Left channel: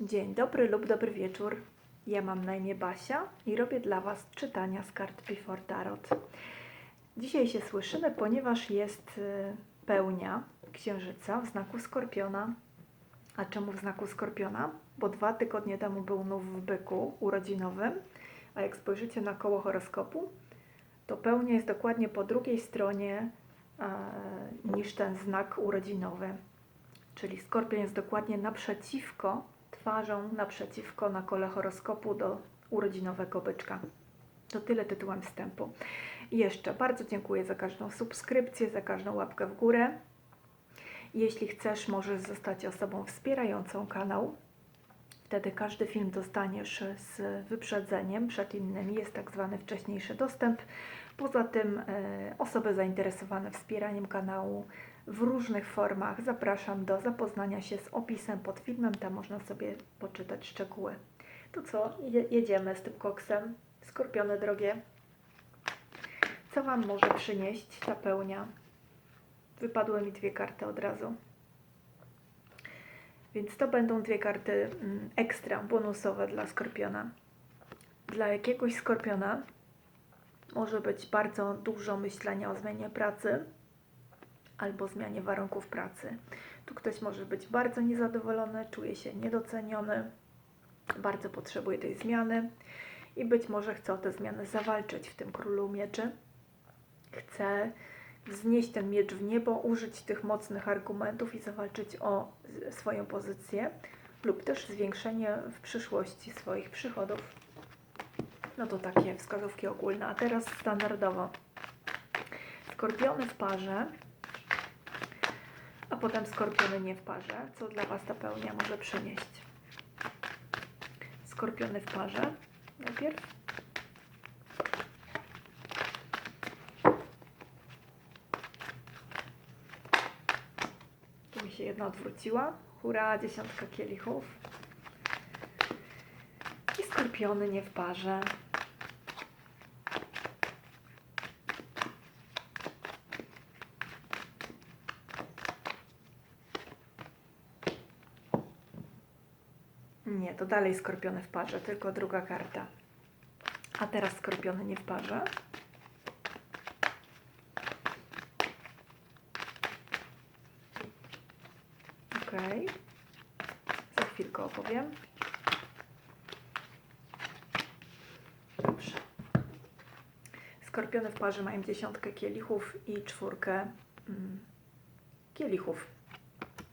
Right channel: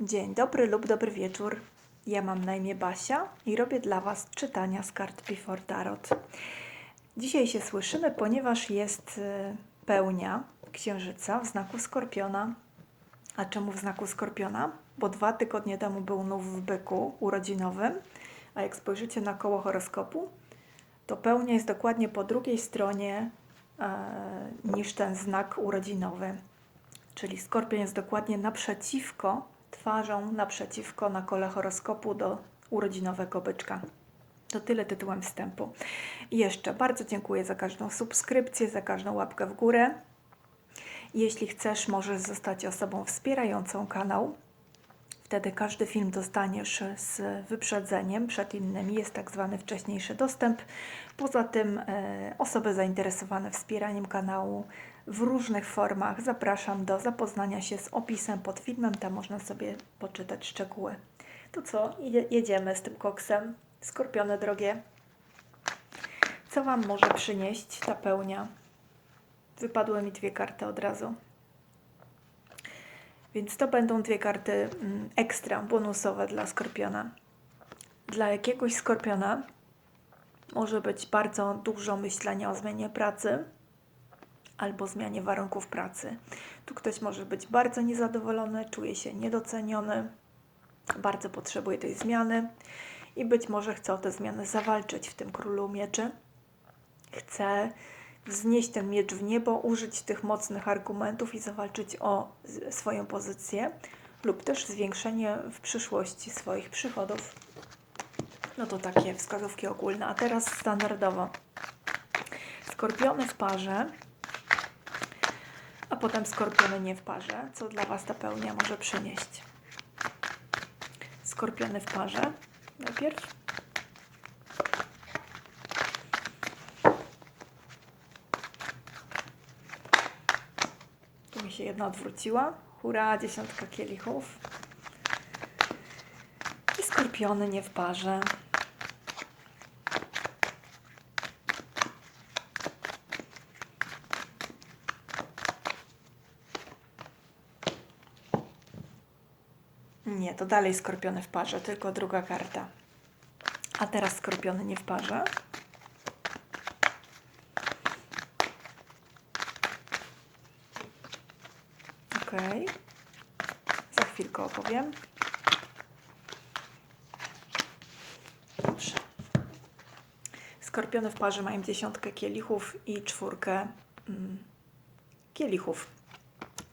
Dzień dobry lub dobry wieczór. Ja mam na imię Basia i robię dla Was czytania z kart Before Tarot. Dzisiaj się słyszymy, ponieważ jest y, pełnia księżyca w znaku skorpiona. A czemu w znaku skorpiona? Bo dwa tygodnie temu był nów w byku urodzinowym, a jak spojrzycie na koło horoskopu, to pełnia jest dokładnie po drugiej stronie e, niż ten znak urodzinowy. Czyli skorpion jest dokładnie naprzeciwko, twarzą naprzeciwko na kole horoskopu do urodzinowego byczka. To tyle tytułem wstępu. I jeszcze bardzo dziękuję za każdą subskrypcję, za każdą łapkę w górę. Jeśli chcesz, możesz zostać osobą wspierającą kanał. Wtedy każdy film dostaniesz z wyprzedzeniem przed innymi. Jest tak zwany wcześniejszy dostęp. Poza tym e, osoby zainteresowane wspieraniem kanału w różnych formach zapraszam do zapoznania się z opisem pod filmem. Tam można sobie poczytać szczegóły. To co? Jedzie- Jedziemy z tym koksem. Skorpiony drogie. Co Wam może przynieść ta pełnia? Wypadły mi dwie karty od razu. Więc to będą dwie karty mm, ekstra, bonusowe dla skorpiona. Dla jakiegoś skorpiona może być bardzo dużo myślenia o zmianie pracy albo zmianie warunków pracy. Tu ktoś może być bardzo niezadowolony, czuje się niedoceniony, bardzo potrzebuje tej zmiany i być może chce o tę zmianę zawalczyć w tym królu mieczy. Chce wznieść ten miecz w niebo, użyć tych mocnych argumentów i zawalczyć o swoją pozycję lub też zwiększenie w przyszłości swoich przychodów. No to takie wskazówki ogólne. A teraz standardowo. Skorpiony w parze, potem skorpiony nie w parze. Co dla Was ta pełnia może przynieść? Skorpiony w parze najpierw. Tu mi się jedna odwróciła. Hurra, dziesiątka kielichów. I skorpiony nie w parze. Nie, to dalej skorpiony w parze, tylko druga karta. A teraz skorpiony nie w parze. Okej. Za chwilkę opowiem. Dobrze. Skorpiony w parze mają dziesiątkę kielichów i czwórkę mm, kielichów.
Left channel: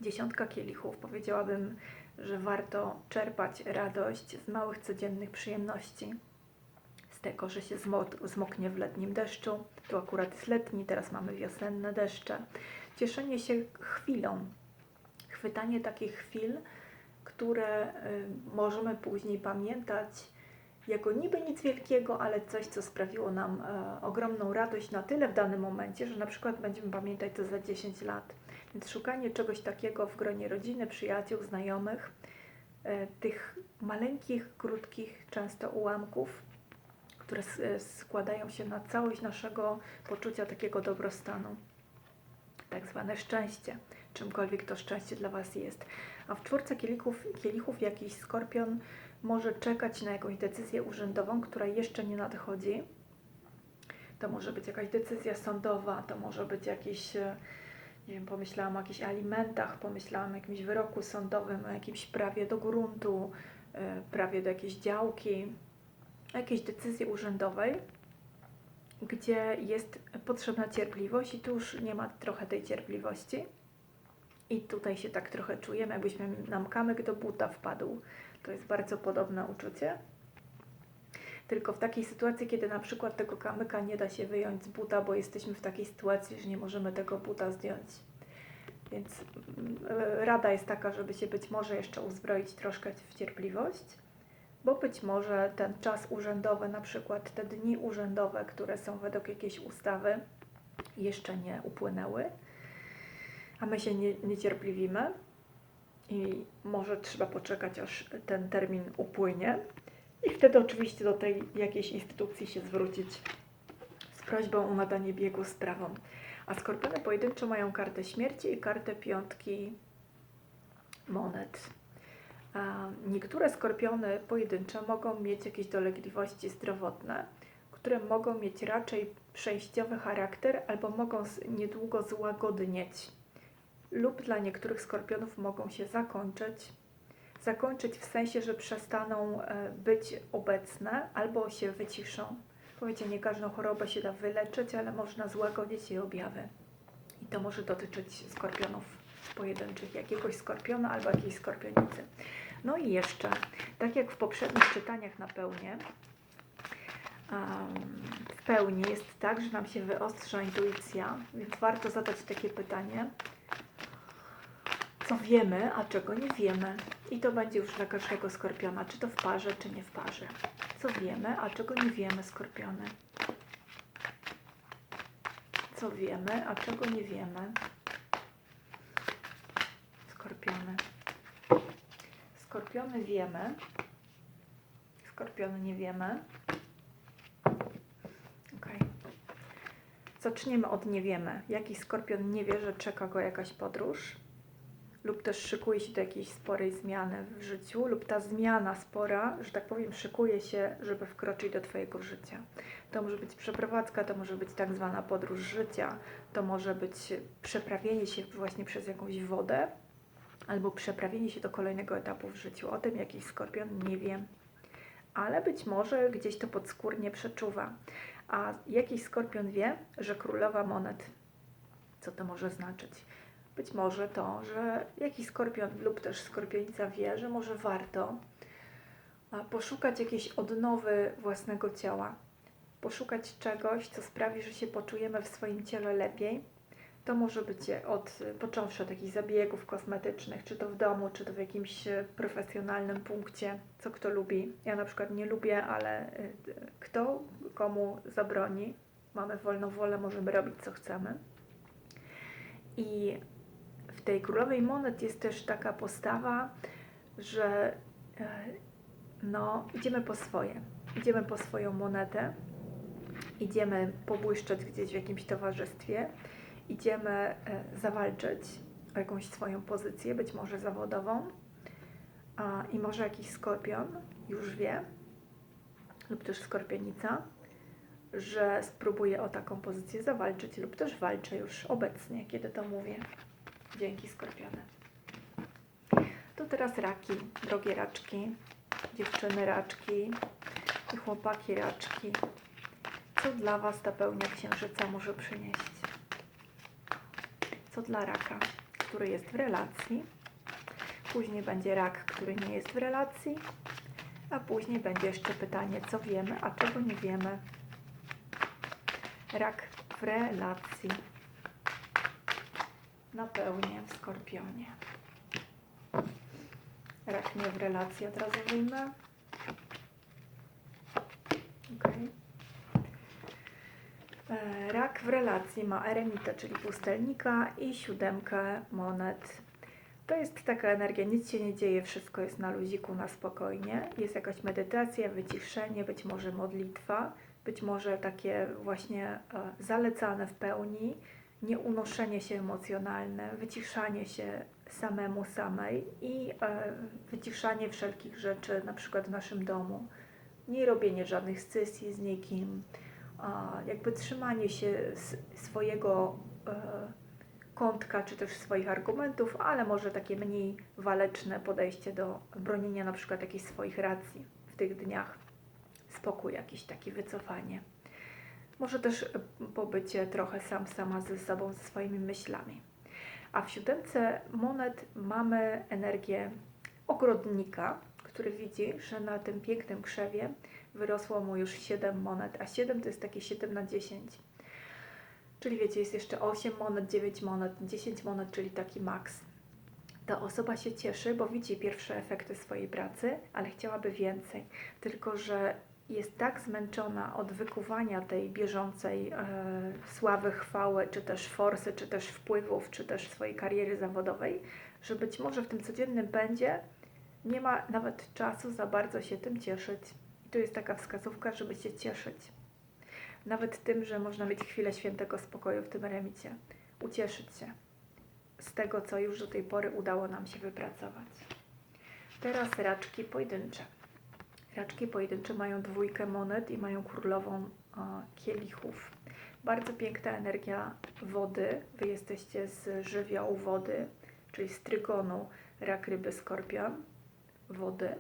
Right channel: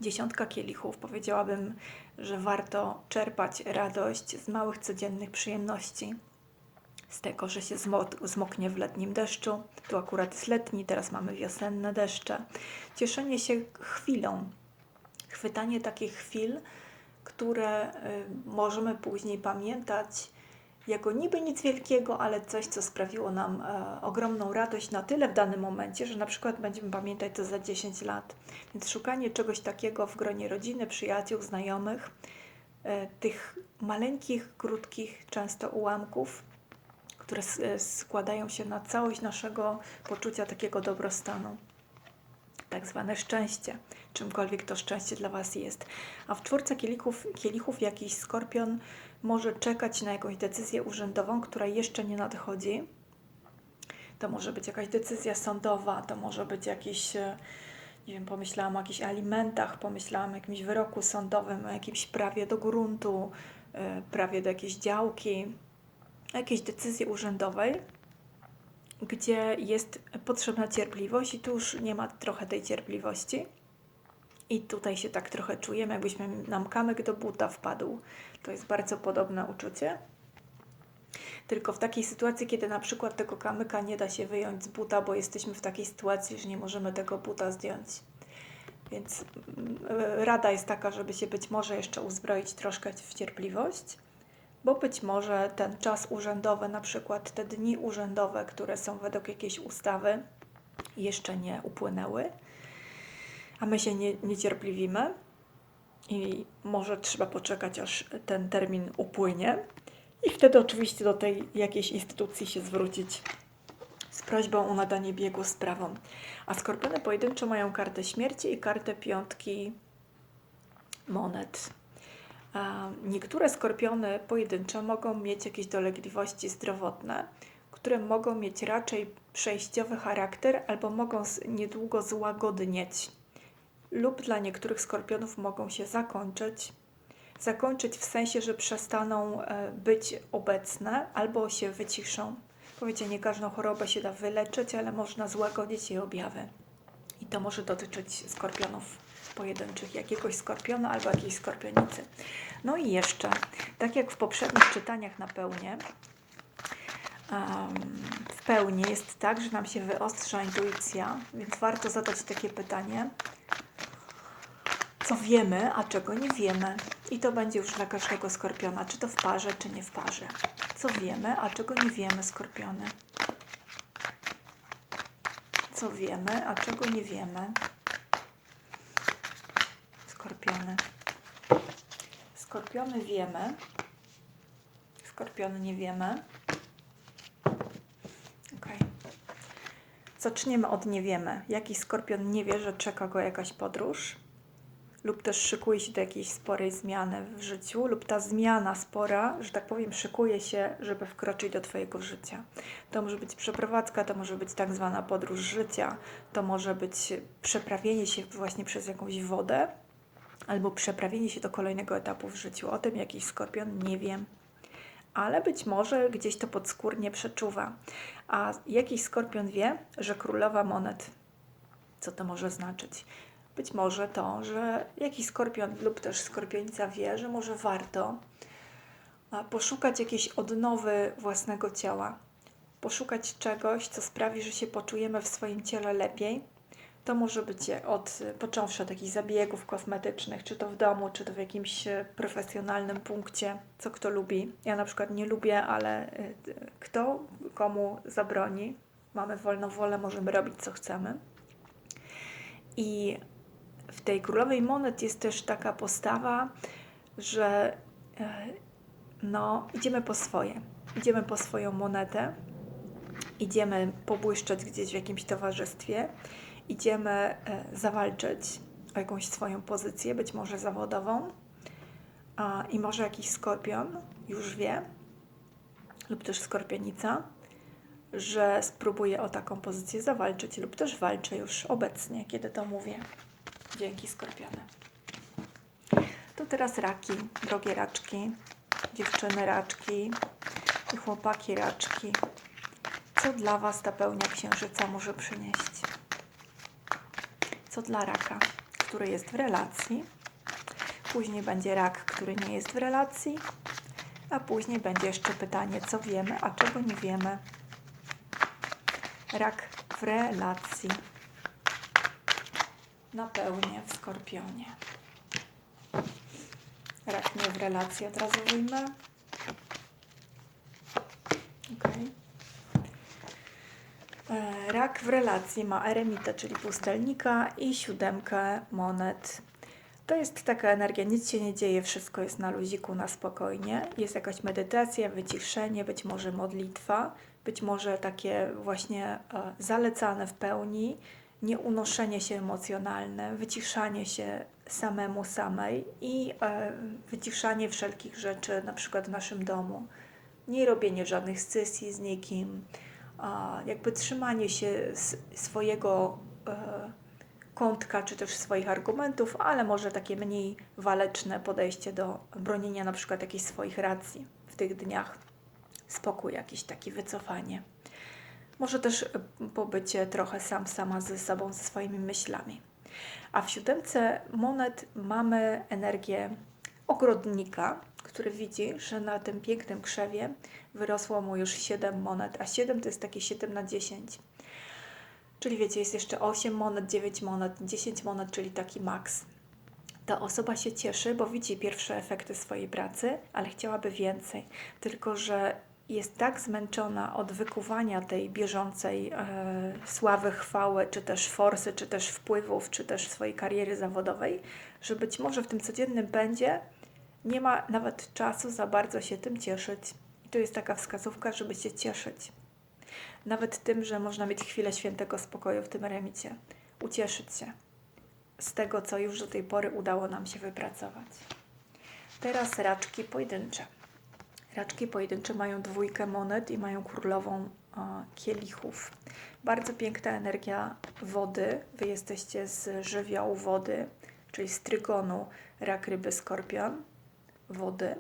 Dziesiątka kielichów. Powiedziałabym, że warto czerpać radość z małych codziennych przyjemności. Z tego, że się zmo- zmoknie w letnim deszczu. Tu akurat jest letni, teraz mamy wiosenne deszcze. Cieszenie się chwilą, chwytanie takich chwil, które y, możemy później pamiętać jako niby nic wielkiego, ale coś, co sprawiło nam e, ogromną radość na tyle w danym momencie, że na przykład będziemy pamiętać to za 10 lat. Więc szukanie czegoś takiego w gronie rodziny, przyjaciół, znajomych, e, tych maleńkich, krótkich, często ułamków, które e, składają się na całość naszego poczucia takiego dobrostanu tak zwane szczęście, czymkolwiek to szczęście dla Was jest. A w czwórce kielichów, kielichów jakiś skorpion może czekać na jakąś decyzję urzędową, która jeszcze nie nadchodzi. To może być jakaś decyzja sądowa, to może być jakieś, e, nie wiem, pomyślałam o jakichś alimentach, pomyślałam o jakimś wyroku sądowym, o jakimś prawie do gruntu, e, prawie do jakiejś działki, jakiejś decyzji urzędowej gdzie jest potrzebna cierpliwość i tu już nie ma trochę tej cierpliwości. I tutaj się tak trochę czujemy, jakbyśmy nam kamyk do buta wpadł. To jest bardzo podobne uczucie. Tylko w takiej sytuacji, kiedy na przykład tego kamyka nie da się wyjąć z buta, bo jesteśmy w takiej sytuacji, że nie możemy tego buta zdjąć. Więc mm, rada jest taka, żeby się być może jeszcze uzbroić troszkę w cierpliwość bo być może ten czas urzędowy, na przykład te dni urzędowe, które są według jakiejś ustawy, jeszcze nie upłynęły, a my się nie, niecierpliwimy i może trzeba poczekać, aż ten termin upłynie i wtedy oczywiście do tej jakiejś instytucji się zwrócić z prośbą o nadanie biegu sprawom. A skorpiony pojedynczo mają kartę śmierci i kartę piątki monet. Niektóre skorpiony pojedyncze mogą mieć jakieś dolegliwości zdrowotne, które mogą mieć raczej przejściowy charakter albo mogą niedługo złagodnieć, lub dla niektórych skorpionów mogą się zakończyć. Zakończyć w sensie, że przestaną e, być obecne albo się wyciszą. Powiecie, nie każdą chorobę się da wyleczyć, ale można złagodzić jej objawy. I to może dotyczyć skorpionów pojedynczych, jakiegoś skorpiona albo jakiejś skorpionicy. No i jeszcze, tak jak w poprzednich czytaniach na pełnię, w pełni jest tak, że nam się wyostrza intuicja, więc warto zadać takie pytanie, co wiemy, a czego nie wiemy. I to będzie już dla każdego skorpiona, czy to w parze, czy nie w parze. Co wiemy, a czego nie wiemy, skorpiony. Co wiemy, a czego nie wiemy. Skorpiony. Skorpiony wiemy. Skorpiony nie wiemy. Zaczniemy od nie wiemy. Jaki skorpion nie wie, że czeka go jakaś podróż? Lub też szykuje się do jakiejś sporej zmiany w życiu, lub ta zmiana spora, że tak powiem, szykuje się, żeby wkroczyć do Twojego życia. To może być przeprowadzka, to może być tak zwana podróż życia, to może być przeprawienie się właśnie przez jakąś wodę, albo przeprawienie się do kolejnego etapu w życiu. O tym jakiś skorpion nie wiem, ale być może gdzieś to podskórnie przeczuwa. A jakiś skorpion wie, że królowa monet. Co to może znaczyć? Być może to, że jakiś skorpion lub też skorpionica wie, że może warto poszukać jakiejś odnowy własnego ciała, poszukać czegoś, co sprawi, że się poczujemy w swoim ciele lepiej. To może być od, począwszy od jakichś zabiegów kosmetycznych, czy to w domu, czy to w jakimś e, profesjonalnym punkcie, co kto lubi. Ja na przykład nie lubię, ale y, kto komu zabroni. Mamy wolną wolę, możemy robić co chcemy. I tej królowej monet jest też taka postawa, że e, no, idziemy po swoje. Idziemy po swoją monetę, idziemy pobłyszczeć gdzieś w jakimś towarzystwie, idziemy e, zawalczyć o jakąś swoją pozycję, być może zawodową. I może jakiś skorpion już wie, lub też skorpionica, że spróbuje o taką pozycję zawalczyć, lub też walczy już obecnie, kiedy to mówię. Dzięki skorpiony. To teraz raki, drogie raczki, dziewczyny raczki chłopaki raczki. Co dla Was ta pełnia księżyca może przynieść? Co dla raka, który jest w relacji? Później będzie rak, który nie jest w relacji, a później będzie jeszcze pytanie, co wiemy, a czego nie wiemy. Rak w relacji na pełnię w skorpionie. Rak nie w relacji, od razu wyjmę. Okay. Rak w relacji ma eremitę, czyli pustelnika i siódemkę monet. To jest taka energia, nic się nie dzieje, wszystko jest na luziku, na spokojnie. Jest jakaś medytacja, wyciszenie, być może modlitwa, być może takie właśnie e, zalecane w pełni, nieunoszenie się emocjonalne, wyciszanie się samemu samej i e, wyciszanie wszelkich rzeczy, na przykład w naszym domu. Nie robienie żadnych sesji z nikim, a jakby trzymanie się swojego e, kątka, czy też swoich argumentów, ale może takie mniej waleczne podejście do bronienia na przykład jakichś swoich racji w tych dniach. Spokój jakiś taki, wycofanie. Może też y, pobycie trochę sam sama ze sobą, ze swoimi myślami. A w siódemce monet mamy energię ogrodnika, który widzi, że na tym pięknym krzewie wyrosło mu już 7 monet, a 7 to jest takie 7 na 10. Czyli wiecie, jest jeszcze 8 monet, 9 monet, 10 monet, czyli taki maks. Ta osoba się cieszy, bo widzi pierwsze efekty swojej pracy, ale chciałaby więcej. Tylko, że jest tak zmęczona od wykuwania tej bieżącej e, sławy, chwały, czy też forsy, czy też wpływów, czy też swojej kariery zawodowej, że być może w tym codziennym pędzie nie ma nawet czasu za bardzo się tym cieszyć. I to jest taka wskazówka, żeby się cieszyć. Nawet tym, że można mieć chwilę świętego spokoju w tym remicie. Ucieszyć się z tego, co już do tej pory udało nam się wypracować. Teraz raczki pojedyncze. Raczki pojedyncze mają dwójkę monet i mają królową kielichów. Bardzo piękna energia wody. Wy jesteście z żywiołu wody, czyli z trygonu rak, ryby, skorpion, wody.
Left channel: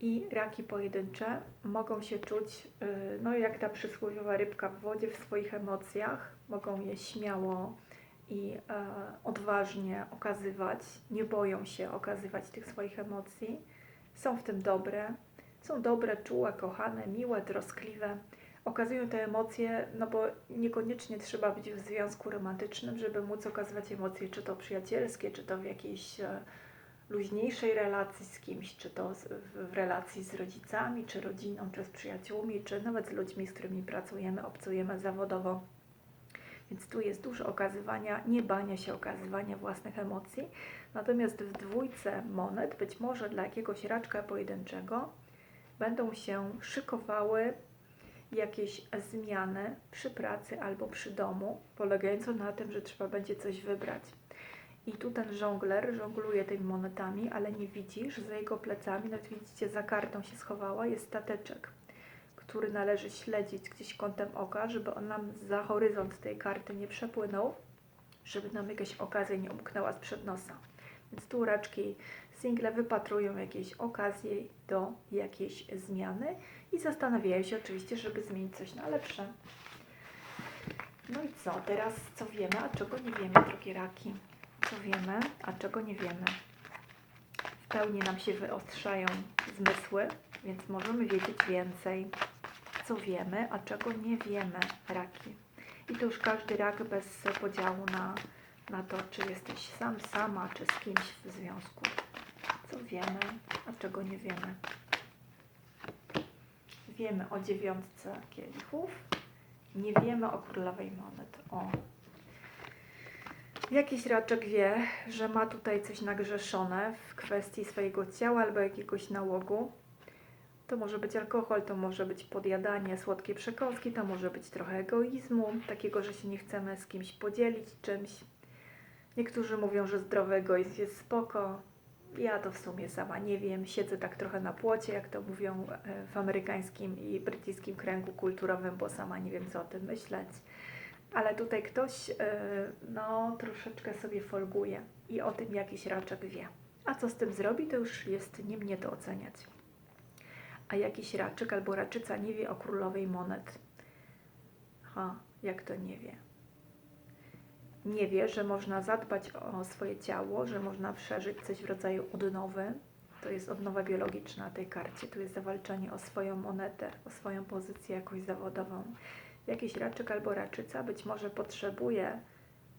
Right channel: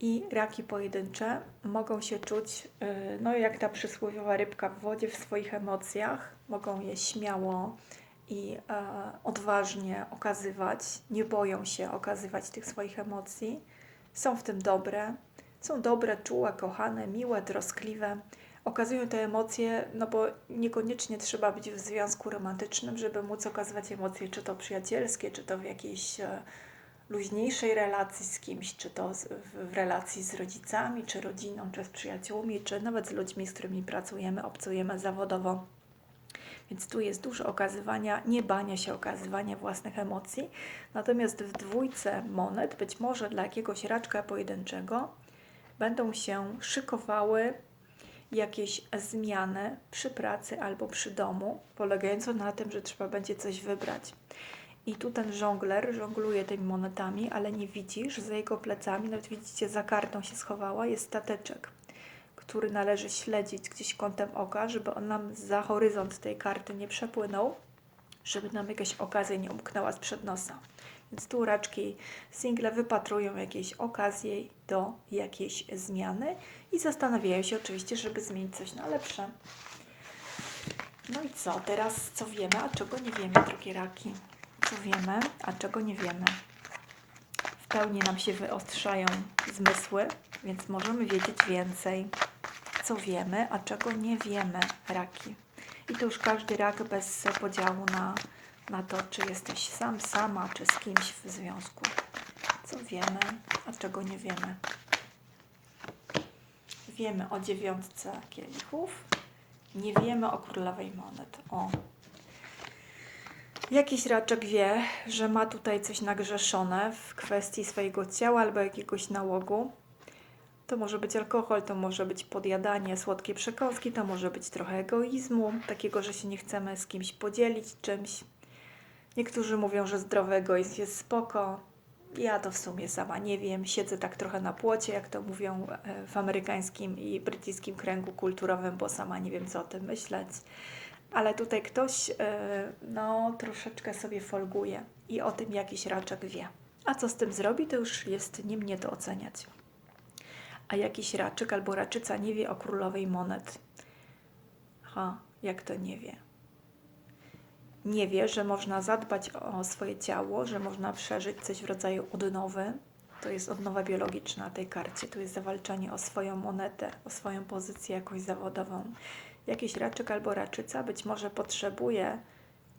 I raki pojedyncze mogą się czuć, yy, no jak ta przysłowiowa rybka w wodzie, w swoich emocjach. Mogą je śmiało i e, odważnie okazywać, nie boją się okazywać tych swoich emocji. Są w tym dobre, są dobre, czułe, kochane, miłe, troskliwe. Okazują te emocje, no bo niekoniecznie trzeba być w związku romantycznym, żeby móc okazywać emocje, czy to przyjacielskie, czy to w jakiejś e, luźniejszej relacji z kimś, czy to w relacji z rodzicami, czy rodziną, czy z przyjaciółmi, czy nawet z ludźmi, z którymi pracujemy, obcujemy zawodowo. Więc tu jest dużo okazywania, nie bania się okazywania własnych emocji. Natomiast w dwójce monet, być może dla jakiegoś raczka pojedynczego, będą się szykowały jakieś zmiany przy pracy albo przy domu, polegające na tym, że trzeba będzie coś wybrać. I tu ten żongler żongluje tymi monetami, ale nie widzisz, za jego plecami, nawet widzicie, za kartą się schowała, jest stateczek, który należy śledzić gdzieś kątem oka, żeby on nam za horyzont tej karty nie przepłynął, żeby nam jakaś okazja nie umknęła sprzed nosa. Więc tu raczki single wypatrują jakieś okazje do jakiejś zmiany i zastanawiają się oczywiście, żeby zmienić coś na lepsze. No i co? Teraz co wiemy, a czego nie wiemy, drogie raki? Co wiemy, a czego nie wiemy? W pełni nam się wyostrzają zmysły, więc możemy wiedzieć więcej. Co wiemy, a czego nie wiemy, raki. I to już każdy rak bez podziału na na to, czy jesteś sam, sama, czy z kimś w związku. Co wiemy, a czego nie wiemy. Wiemy o dziewiątce kielichów, nie wiemy o królowej monet. O. Jakiś raczek wie, że ma tutaj coś nagrzeszone w kwestii swojego ciała albo jakiegoś nałogu. To może być alkohol, to może być podjadanie słodkiej przekąski, to może być trochę egoizmu, takiego, że się nie chcemy z kimś podzielić czymś. Niektórzy mówią, że zdrowy egoizm jest spoko. Ja to w sumie sama nie wiem. Siedzę tak trochę na płocie, jak to mówią e, w amerykańskim i brytyjskim kręgu kulturowym, bo sama nie wiem, co o tym myśleć. Ale tutaj ktoś e, no, troszeczkę sobie folguje i o tym jakiś raczek wie. A co z tym zrobi, to już jest nie mnie to oceniać. A jakiś raczek albo raczyca nie wie o królowej monet. Ha, jak to nie wie? nie wie, że można zadbać o swoje ciało, że można przeżyć coś w rodzaju odnowy. To jest odnowa biologiczna na tej karcie. Tu jest zawalczanie o swoją monetę, o swoją pozycję jakąś zawodową. Jakiś raczek albo raczyca być może potrzebuje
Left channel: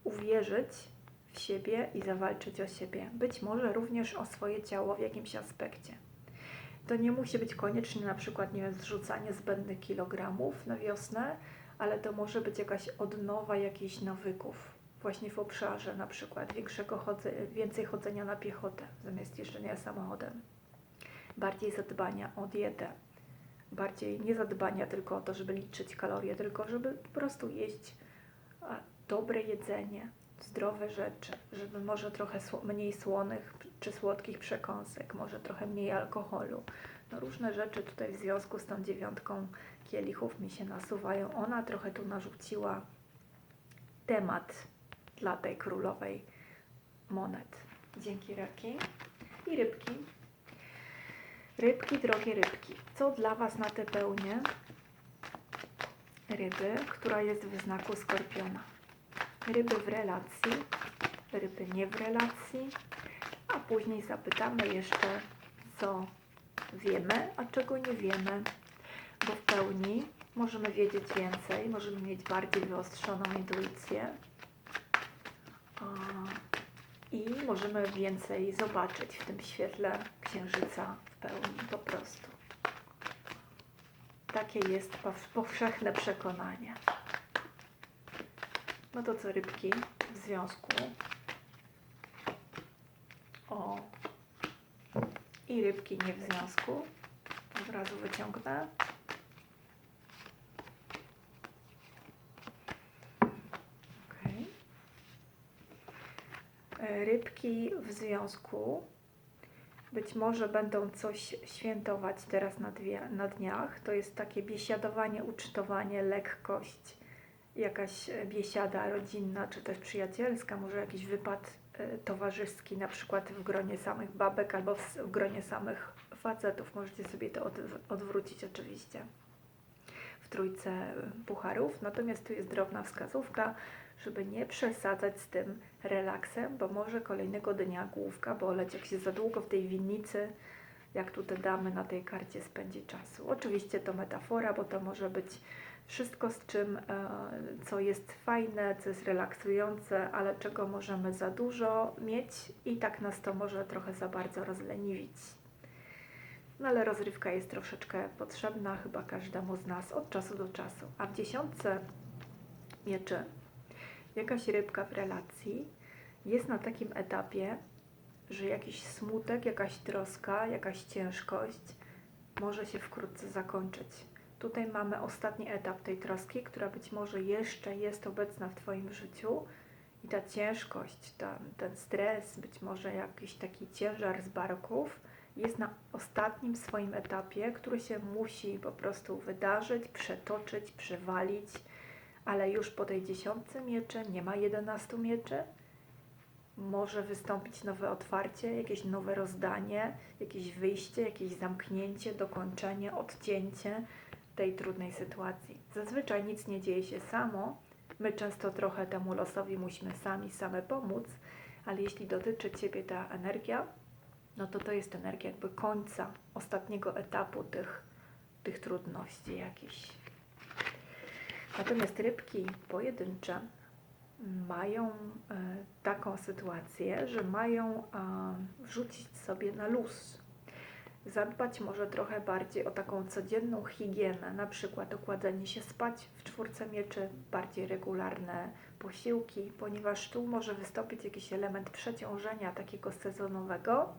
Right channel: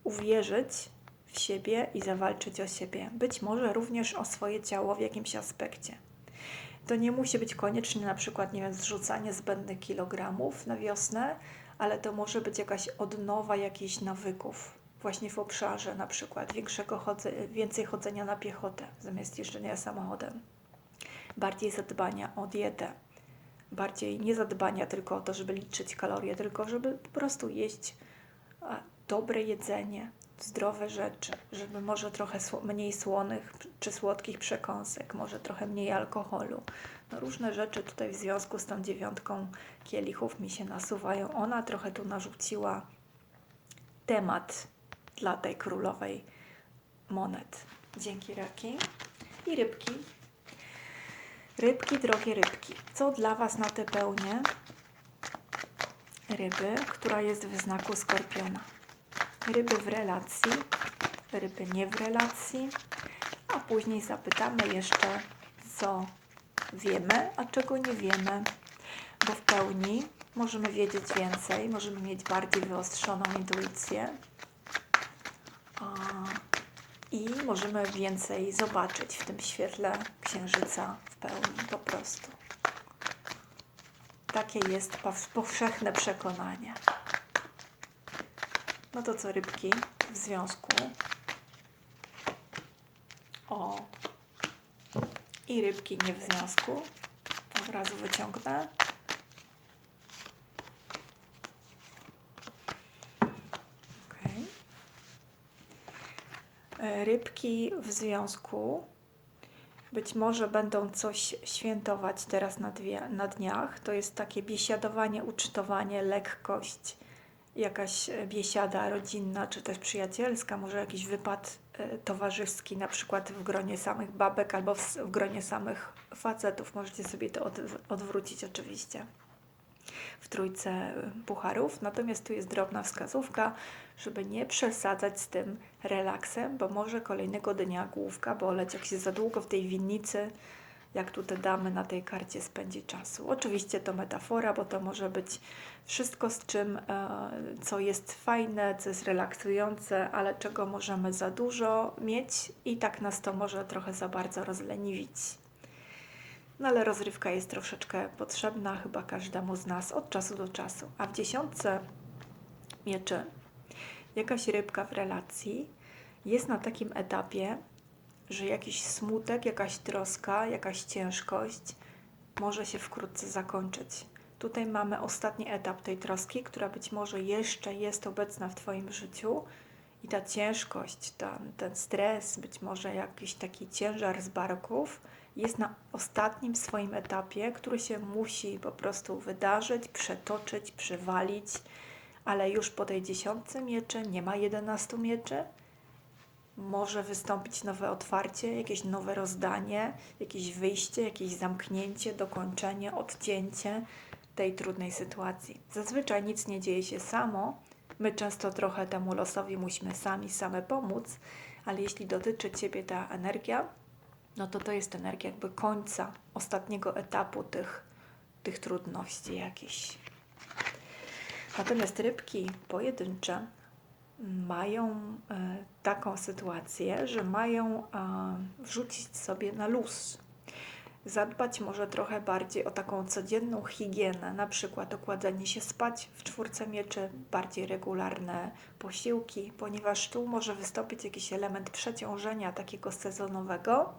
uwierzyć w siebie i zawalczyć o siebie. Być może również o swoje ciało w jakimś aspekcie. To nie musi być koniecznie na przykład, nie wiem, zrzucanie zbędnych kilogramów na wiosnę, ale to może być jakaś odnowa jakichś nawyków, właśnie w obszarze na przykład większego chodze, więcej chodzenia na piechotę zamiast jeżdżenia samochodem, bardziej zadbania o dietę, bardziej nie zadbania tylko o to, żeby liczyć kalorie, tylko żeby po prostu jeść dobre jedzenie, zdrowe rzeczy, żeby może trochę mniej słonych czy słodkich przekąsek, może trochę mniej alkoholu. No różne rzeczy tutaj w związku z tą dziewiątką kielichów mi się nasuwają. Ona trochę tu narzuciła temat dla tej królowej monet. Dzięki raki. I rybki. Rybki, drogie rybki. Co dla Was na te pełnie ryby, która jest w znaku skorpiona? Ryby w relacji, ryby nie w relacji, a później zapytamy jeszcze, co wiemy, a czego nie wiemy, bo w pełni możemy wiedzieć więcej, możemy mieć bardziej wyostrzoną intuicję, i możemy więcej zobaczyć w tym świetle księżyca w pełni po prostu. Takie jest powszechne przekonanie. No to co rybki w związku? O. I rybki nie w związku. Od razu wyciągnę. rybki w związku Być może będą coś świętować teraz na, dwie, na dniach. To jest takie biesiadowanie, ucztowanie, lekkość, jakaś e, biesiada rodzinna czy też przyjacielska, może jakiś wypad e, towarzyski, na przykład w gronie samych babek albo w, gronie samych facetów. Możecie sobie to od, odwrócić oczywiście w trójce e, pucharów. Natomiast tu jest drobna wskazówka, żeby nie przesadzać z tym relaksem, bo może kolejnego dnia główka boleć, jak się za długo w tej winnicy, jak tu te damy na tej karcie spędzi czasu. Oczywiście to metafora, bo to może być wszystko z czym, e, co jest fajne, co jest relaksujące, ale czego możemy za dużo mieć i tak nas to może trochę za bardzo rozleniwić. No ale rozrywka jest troszeczkę potrzebna chyba każdemu z nas od czasu do czasu. A w dziesiątce mieczy jakaś rybka w relacji jest na takim etapie, że jakiś smutek, jakaś troska, jakaś ciężkość może się wkrótce zakończyć. Tutaj mamy ostatni etap tej troski, która być może jeszcze jest obecna w Twoim życiu i ta ciężkość, ta, ten stres, być może jakiś taki ciężar z barków jest na ostatnim swoim etapie, który się musi po prostu wydarzyć, przetoczyć, przywalić, ale już po tej dziesiątce mieczy nie ma jedenastu mieczy. Może wystąpić nowe otwarcie, jakieś nowe rozdanie, jakieś wyjście, jakieś zamknięcie, dokończenie, odcięcie tej trudnej sytuacji. Zazwyczaj nic nie dzieje się samo. My często trochę temu losowi musimy sami same pomóc, ale jeśli dotyczy Ciebie ta energia, no to to jest energia jakby końca, ostatniego etapu tych, tych trudności jakichś. Natomiast rybki pojedyncze mają e, taką sytuację, że mają e, wrzucić sobie na luz. Zadbać może trochę bardziej o taką codzienną higienę, na przykład okładanie się spać w czwórce mieczy, bardziej regularne posiłki, ponieważ tu może wystąpić jakiś element przeciążenia takiego sezonowego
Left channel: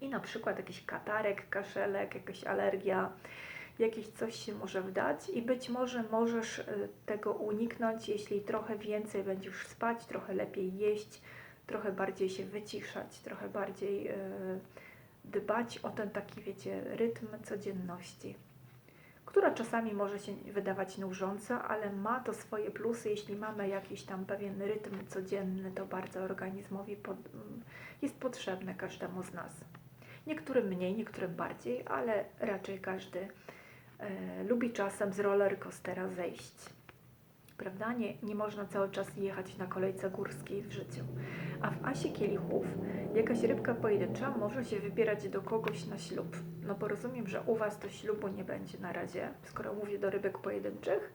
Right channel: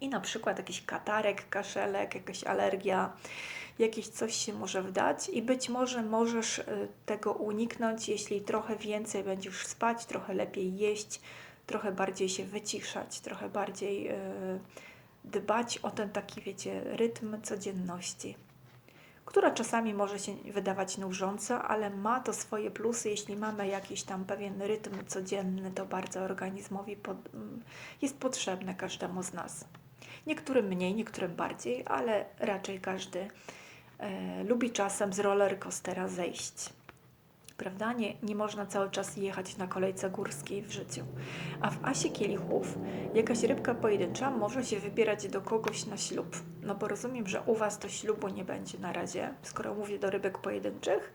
i na przykład jakiś katarek, kaszelek, jakaś alergia, jakieś coś się może wdać i być może możesz y, tego uniknąć, jeśli trochę więcej będziesz spać, trochę lepiej jeść, trochę bardziej się wyciszać, trochę bardziej yy, dbać o ten taki, wiecie, rytm codzienności, która czasami może się wydawać nużąca, ale ma to swoje plusy. Jeśli mamy jakiś tam pewien rytm codzienny, to bardzo organizmowi pod, jest potrzebne każdemu z nas. Niektórym mniej, niektórym bardziej, ale raczej każdy lubi czasem z roller coastera zejść. Prawda? Nie, nie można cały czas jechać na kolejce górskiej w życiu. A w asie kielichów jakaś rybka pojedyncza może się wybierać do kogoś na ślub. No bo rozumiem, że u Was to ślubu nie będzie na razie, skoro mówię do rybek pojedynczych,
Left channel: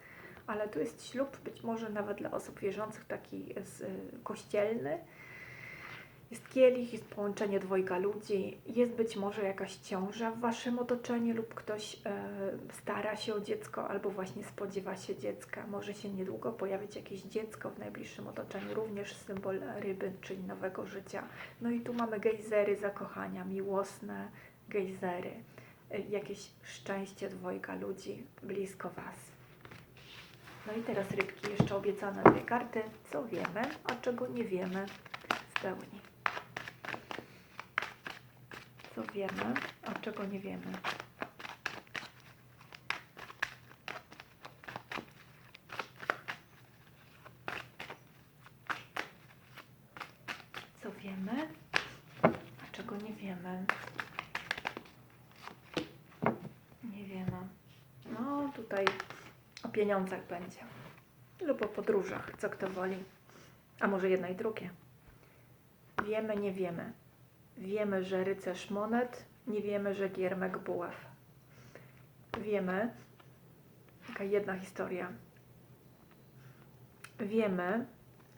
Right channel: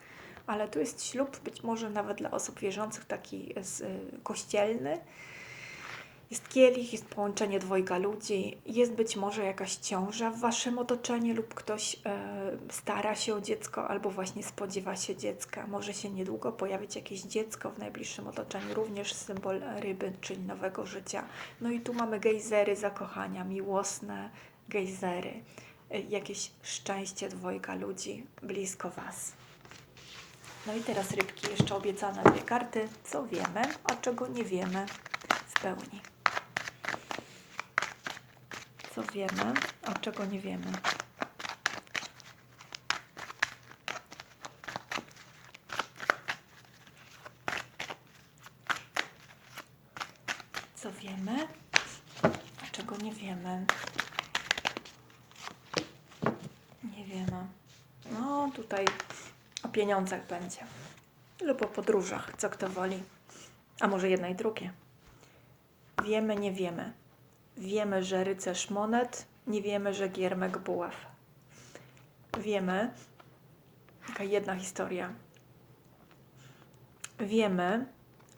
ale tu jest ślub być może nawet dla osób wierzących taki y, kościelny, jest kielich, jest połączenie dwojga ludzi, jest być może jakaś ciąża w waszym otoczeniu lub ktoś e, stara się o dziecko albo właśnie spodziewa się dziecka. Może się niedługo pojawić jakieś dziecko w najbliższym otoczeniu, również symbol ryby, czyli nowego życia. No i tu mamy gejzery zakochania, miłosne gejzery, e, jakieś szczęście dwojga ludzi blisko was. No i teraz rybki, jeszcze obiecane dwie karty. Co wiemy, a czego nie wiemy w pełni co wiemy, a czego nie wiemy. Co wiemy, a czego nie wiemy. Nie wiemy. No, tutaj o pieniądzach będzie. Lub o podróżach, co kto woli. A może jedno i drugie. Wiemy, nie wiemy. Wiemy, że rycerz monet, nie wiemy, że giermek buław. Wiemy, taka jedna historia. Wiemy,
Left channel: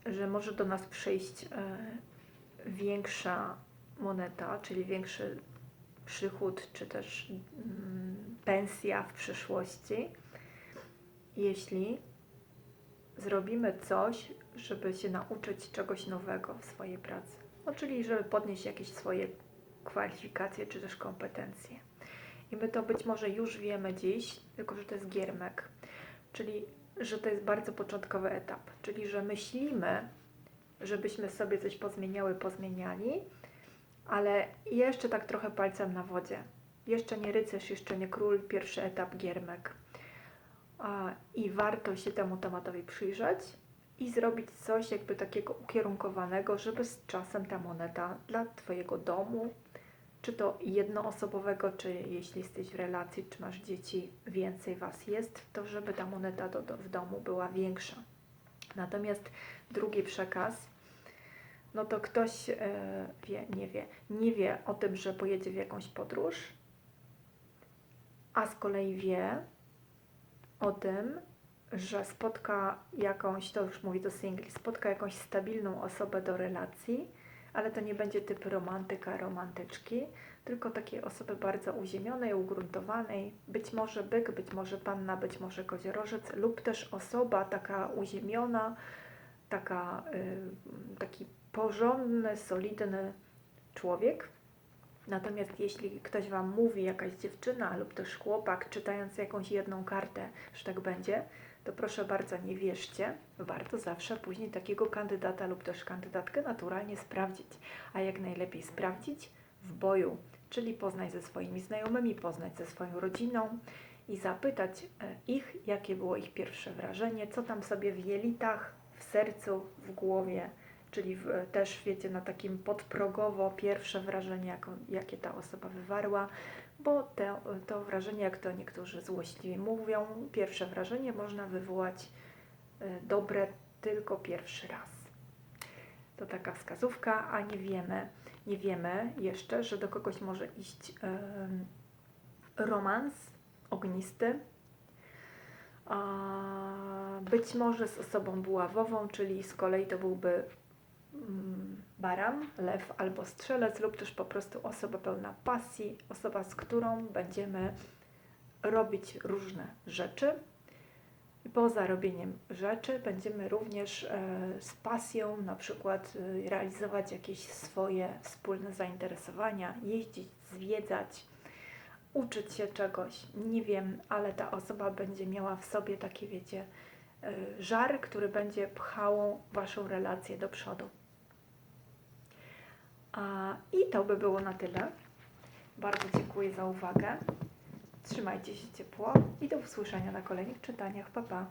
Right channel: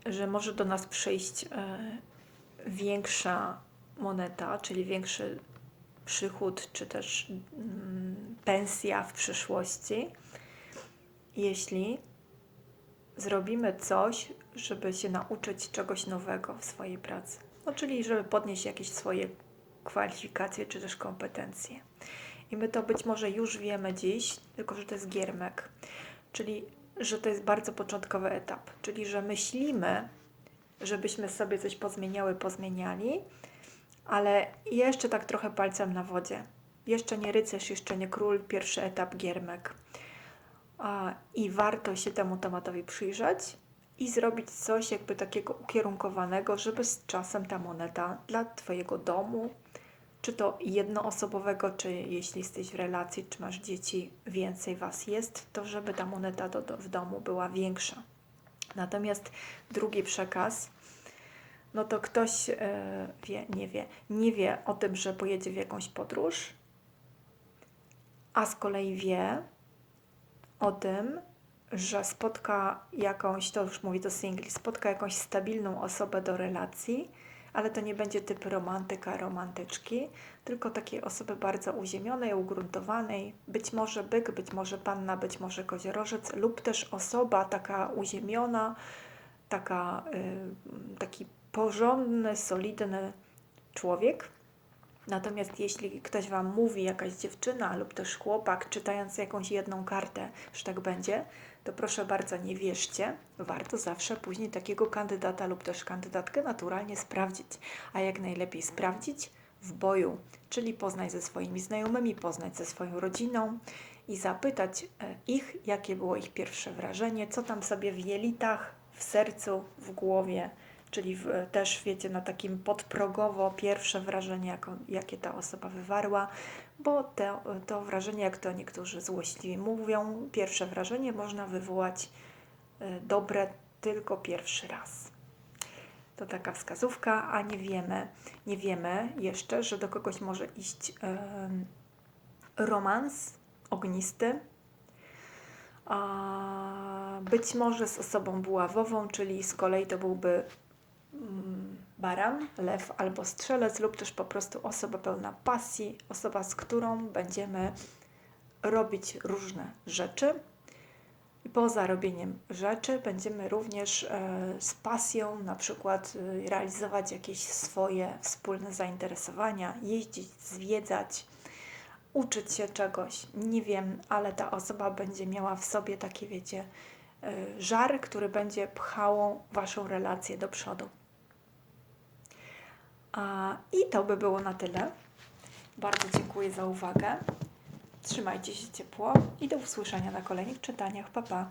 że może do nas przyjść e, większa moneta, czyli większy przychód, czy też mm, pensja w przyszłości, jeśli zrobimy coś, żeby się nauczyć czegoś nowego w swojej pracy. No, czyli żeby podnieść jakieś swoje kwalifikacje czy też kompetencje. I my to być może już wiemy dziś, tylko że to jest giermek, czyli że to jest bardzo początkowy etap, czyli że myślimy, żebyśmy sobie coś pozmieniały, pozmieniali, ale jeszcze tak trochę palcem na wodzie. Jeszcze nie rycerz, jeszcze nie król, pierwszy etap giermek. I warto się temu tematowi przyjrzeć i zrobić coś jakby takiego ukierunkowanego, żeby z czasem ta moneta dla Twojego domu, czy to jednoosobowego, czy jeśli jesteś w relacji, czy masz dzieci, więcej Was jest, to żeby ta moneta do, do, w domu była większa. Natomiast drugi przekaz, no to ktoś e, wie, nie wie, nie wie o tym, że pojedzie w jakąś podróż, a z kolei wie o tym, że spotka jakąś, to już mówi do singli, spotka jakąś stabilną osobę do relacji, ale to nie będzie typ romantyka, romantyczki, tylko takiej osoby bardzo uziemionej, ugruntowanej, być może byk, być może panna, być może koziorożec, lub też osoba taka uziemiona, taka, y, taki porządny, solidny człowiek. Natomiast jeśli ktoś Wam mówi, jakaś dziewczyna lub też chłopak, czytając jakąś jedną kartę, że tak będzie, to proszę bardzo nie wierzcie. Warto zawsze później takiego kandydata lub też kandydatkę naturalnie sprawdzić. A jak najlepiej sprawdzić? W boju, czyli poznać ze swoimi znajomymi, poznać ze swoją rodziną i zapytać e, ich, jakie było ich pierwsze wrażenie, co tam sobie w jelitach, w sercu, w głowie, czyli w, też wiecie, na takim podprogowo pierwsze wrażenie, jako, jakie ta osoba wywarła, bo te, to wrażenie, jak to niektórzy złośliwi mówią, pierwsze wrażenie można wywołać y, dobre tylko pierwszy raz. To taka wskazówka, a nie wiemy, nie wiemy jeszcze, że do kogoś może iść em, romans ognisty, być może z osobą buławową, czyli z kolei to byłby mm, baran, lew albo strzelec, lub też po prostu osoba pełna pasji, osoba, z którą będziemy robić różne rzeczy. I poza robieniem rzeczy będziemy też e, z pasją na przykład e, realizować jakieś swoje wspólne zainteresowania, jeździć, zwiedzać, uczyć się czegoś. Nie wiem, ale ta osoba będzie miała w sobie takie, wiecie, e, żar, który będzie pchał Waszą relację do przodu. I to by było na tyle. Bardzo dziękuję za uwagę. Trzymajcie się ciepło i do usłyszenia na kolejnych czytaniach. Pa, pa.